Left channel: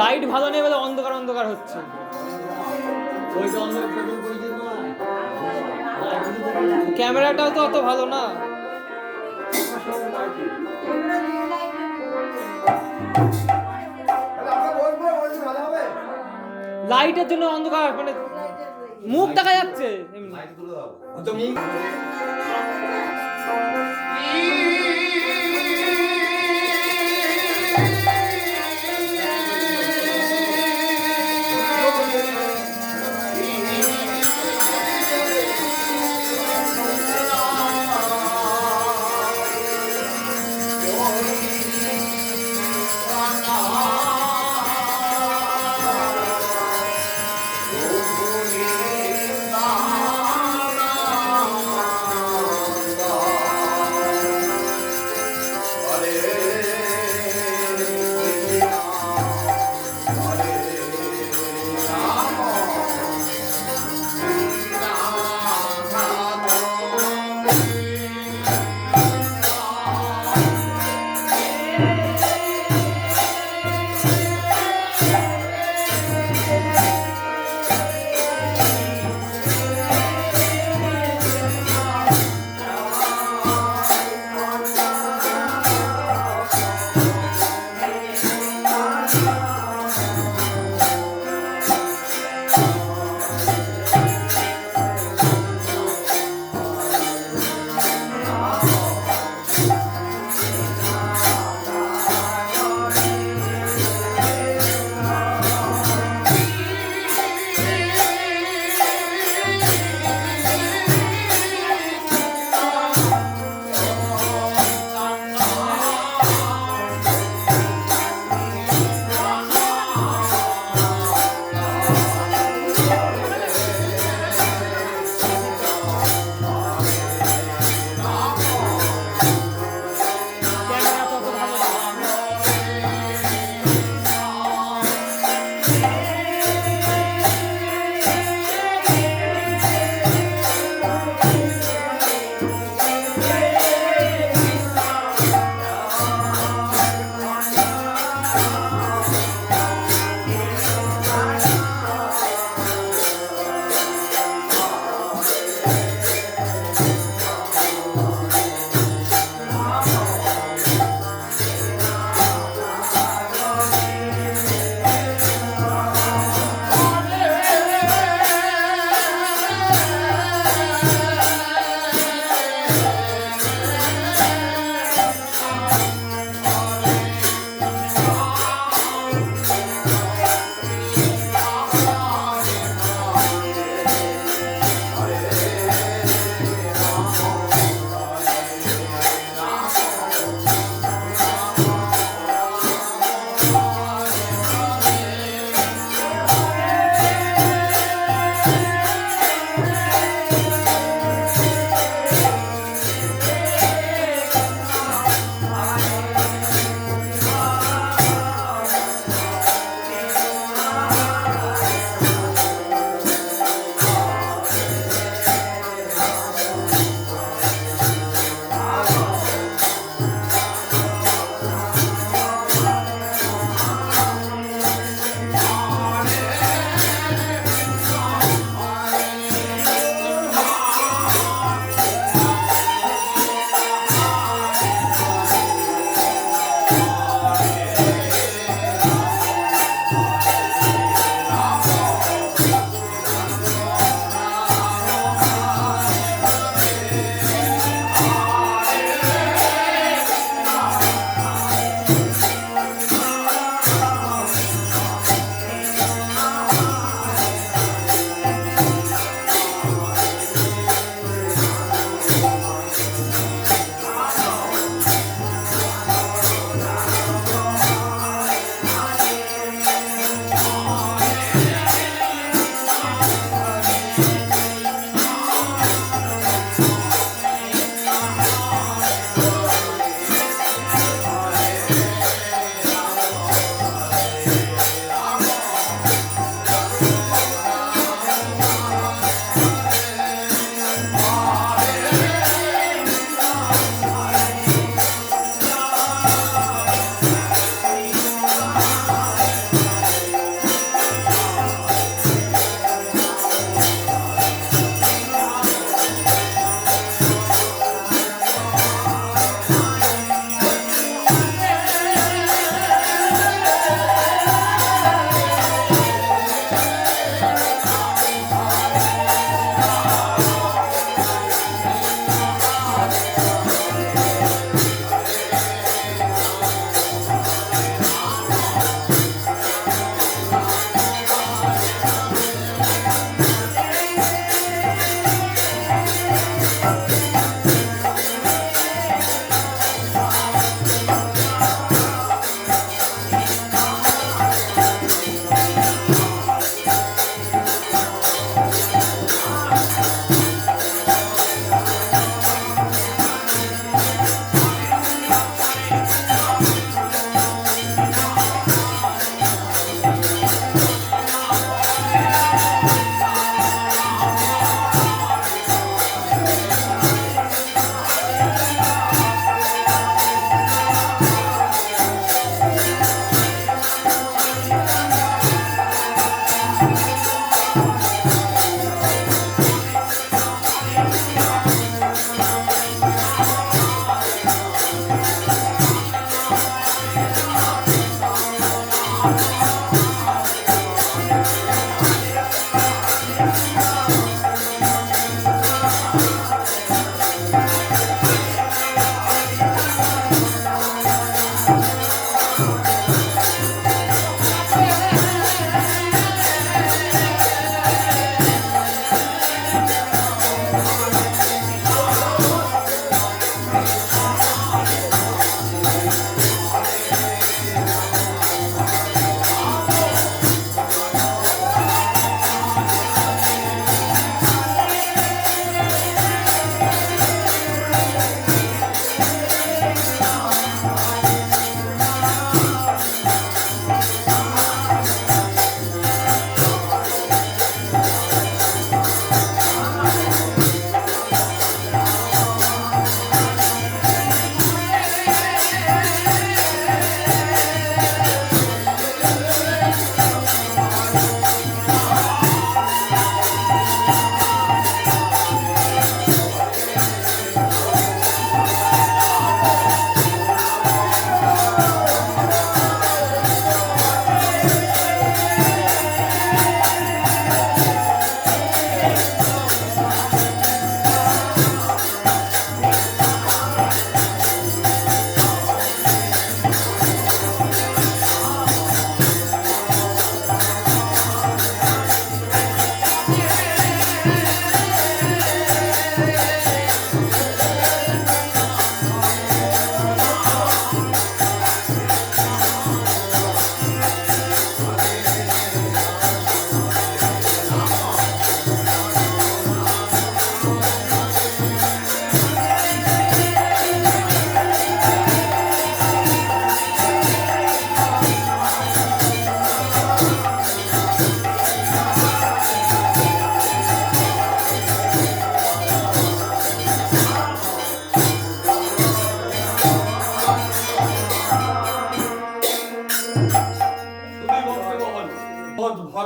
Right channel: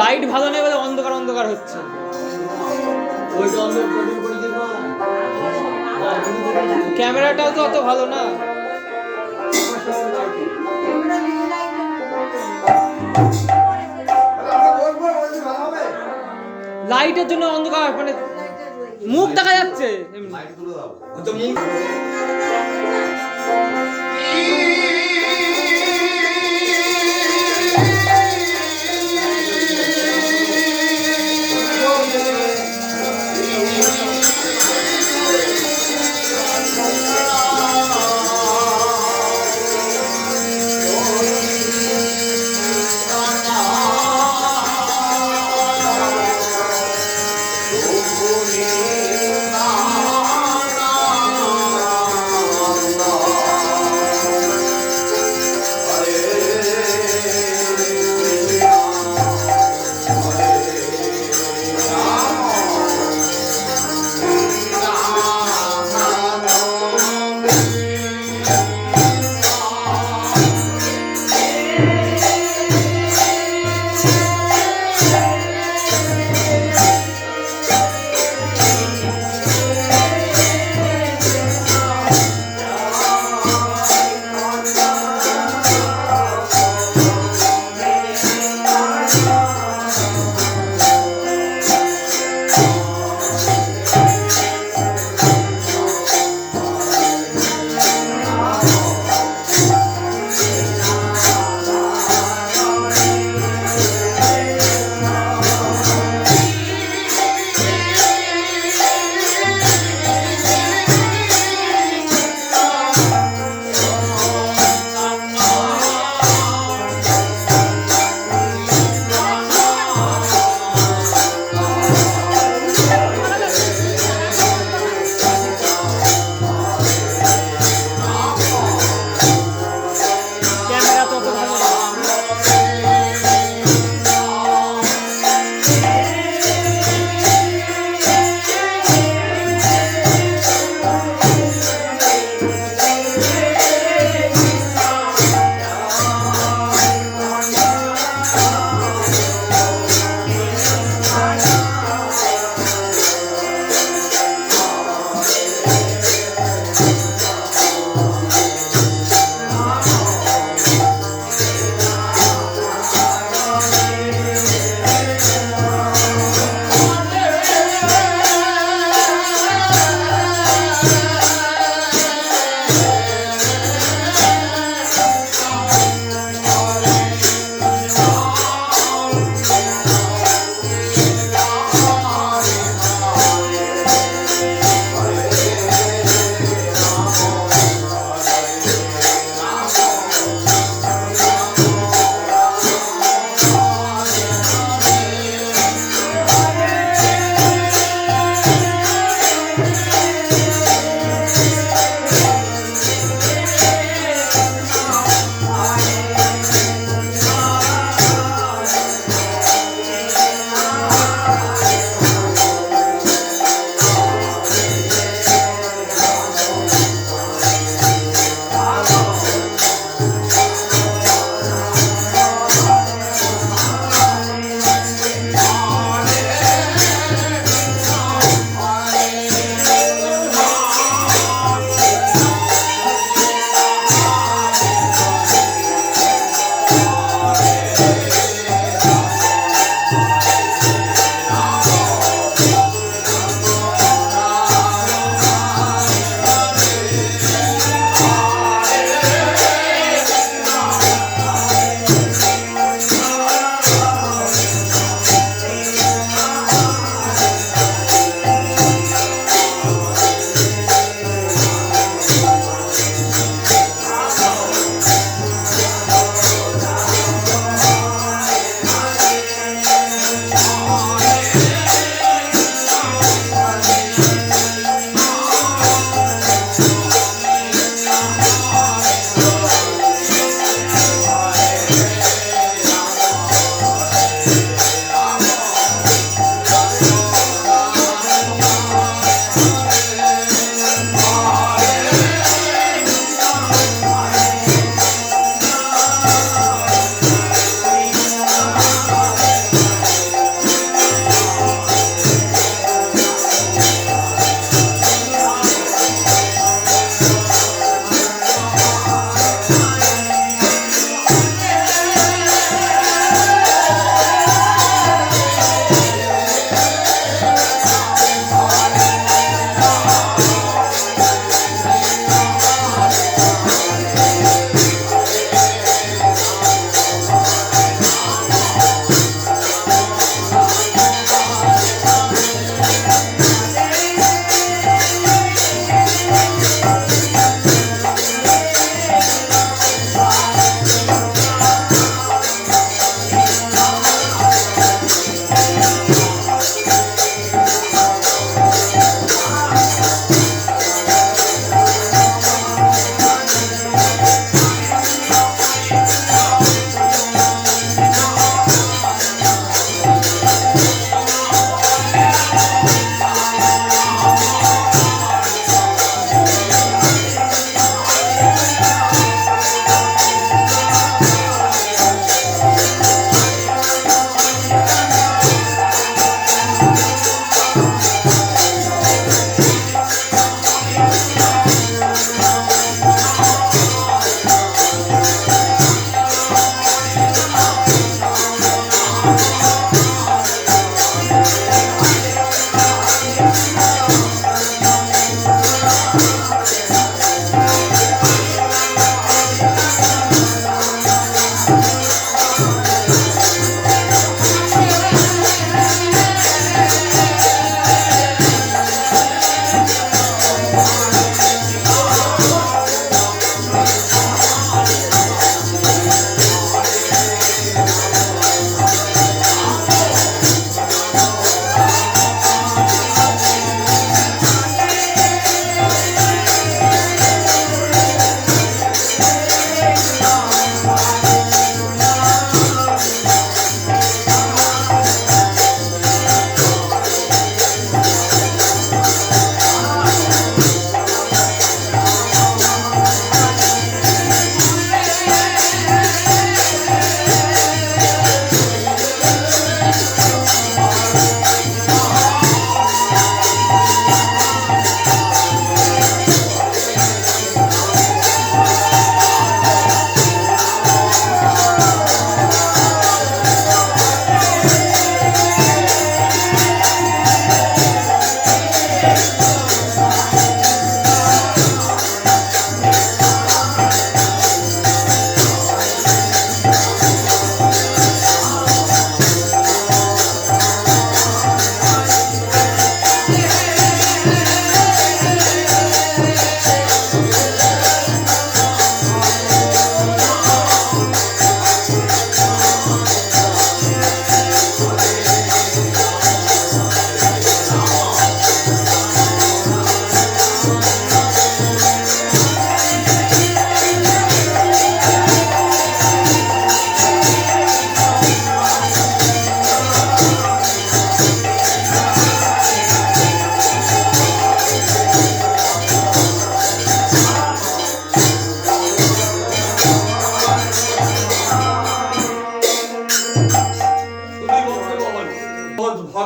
Light ভালো নেই বলে অন্ধকার অন্ধকার হচ্ছে। ক্যামেরাটাও তো অত ভালো না। লাইটের জন্য অন্ধকার, মানে মুখ দেখা যাচ্ছে।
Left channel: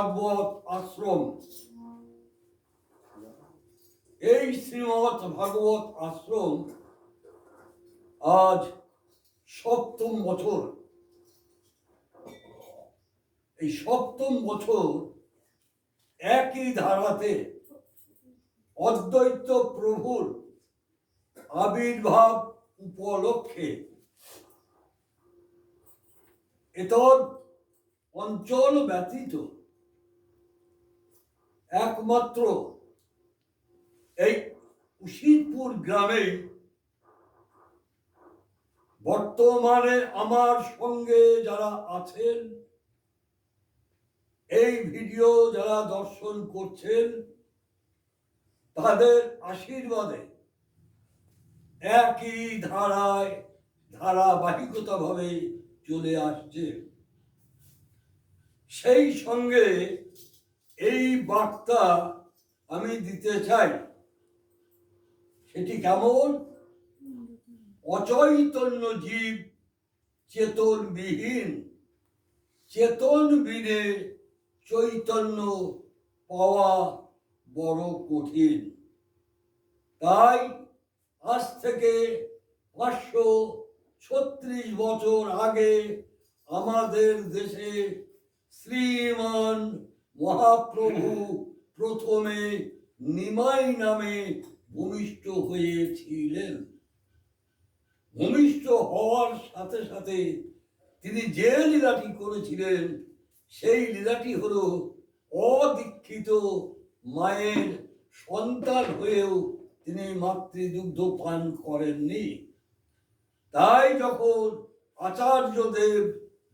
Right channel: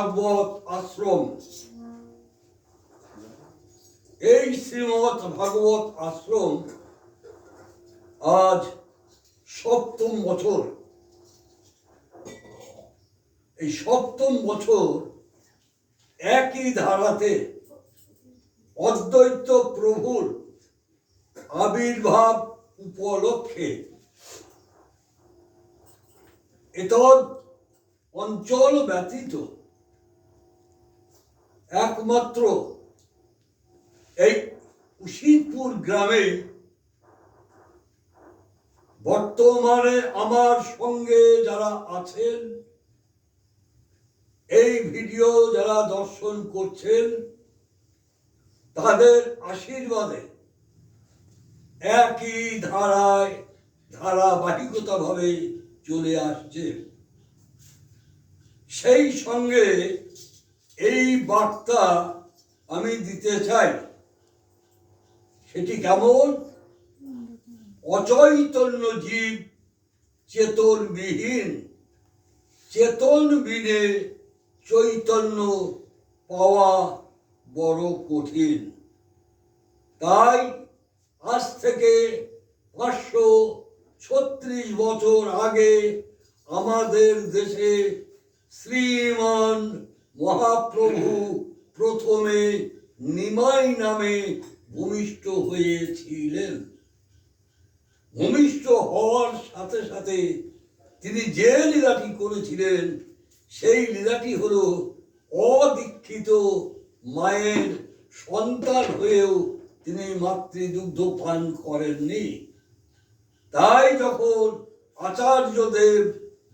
ভাগবত আশ্রম। এই শ্রীমৎ ভাগবত আশ্রম আজ ৭ম বছর। এই ৭ম বছর একই ধারাতে অদ্বৈত প্রভুর আবির্ভাব উপলক্ষে এতদ অঞ্চল ব্যতীত একমাত্র এই উশিরপুর গ্রামে বর্তমানে আমার সঙ্গে যারা আছেন, এই ভিডিও যারা দর্শন করছেন, তাদের আশীর্বাদে একই ধারাবাহিকতাভাবে চলে আসছে। সেই সঙ্গে এই বার্তা আমি দিতে চাই, সেটি কেমন? অচৈতন্য জীব চেতনবিহীন, চেতন বিনে চৈতন্য পাওয়া বড় কঠিন। তাই আজ থেকে 536 বছর আগে আমাদের দেশে শ্রীমান মহাপ্রভু প্রথমে নিমাই নামে ভূমিষ্ঠ হয়েছিলেন। ভূমিষ্ঠ হওয়ার সাথে সাথে তিনি যে লীলাটি করেছিলেন, সেই লীলাটি হল অদীক্ষিত মায়ের সন্তান হয়েও তিনি মাতৃদুগ্ধ পান করেননি। তাই যখন আচার্যদেব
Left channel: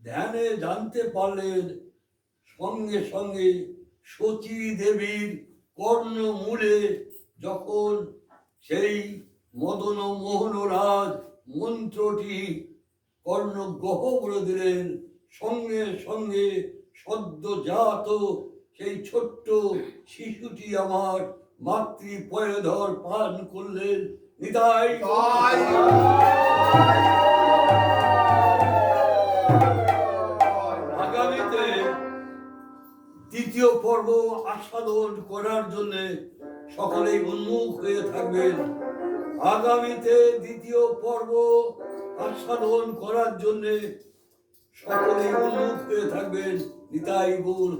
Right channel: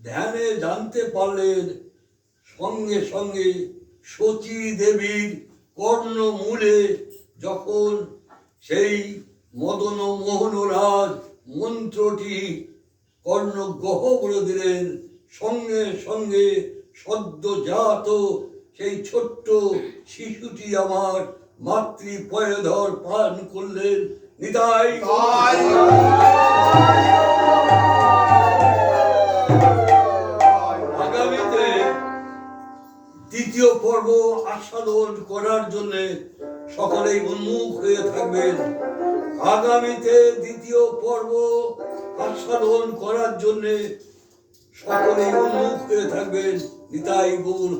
ধ্যানে জানতে পারলেন, সঙ্গে সঙ্গে সতী দেবীর কর্ণমূলে যখন সেই মদন মোহনরাজ মন্ত্রটি কর্ণগ্রহ করে দিলেন, সঙ্গে সঙ্গে সদ্যজাত সেই ছোট্ট শিশুটি আমার মাতৃপয়ধর পান করলেন। নিতাই আগামীতে দ্বিতীয় পর্ব আস্বাদন করার জন্য সকলেই উন্মুখ হয়ে থাকবেন। আগামীতে দ্বিতীয় পর্ব আস্বাদন করার জন্য সকলেই উন্মুখ হয়ে থাকবেন। নিতাই গৌর।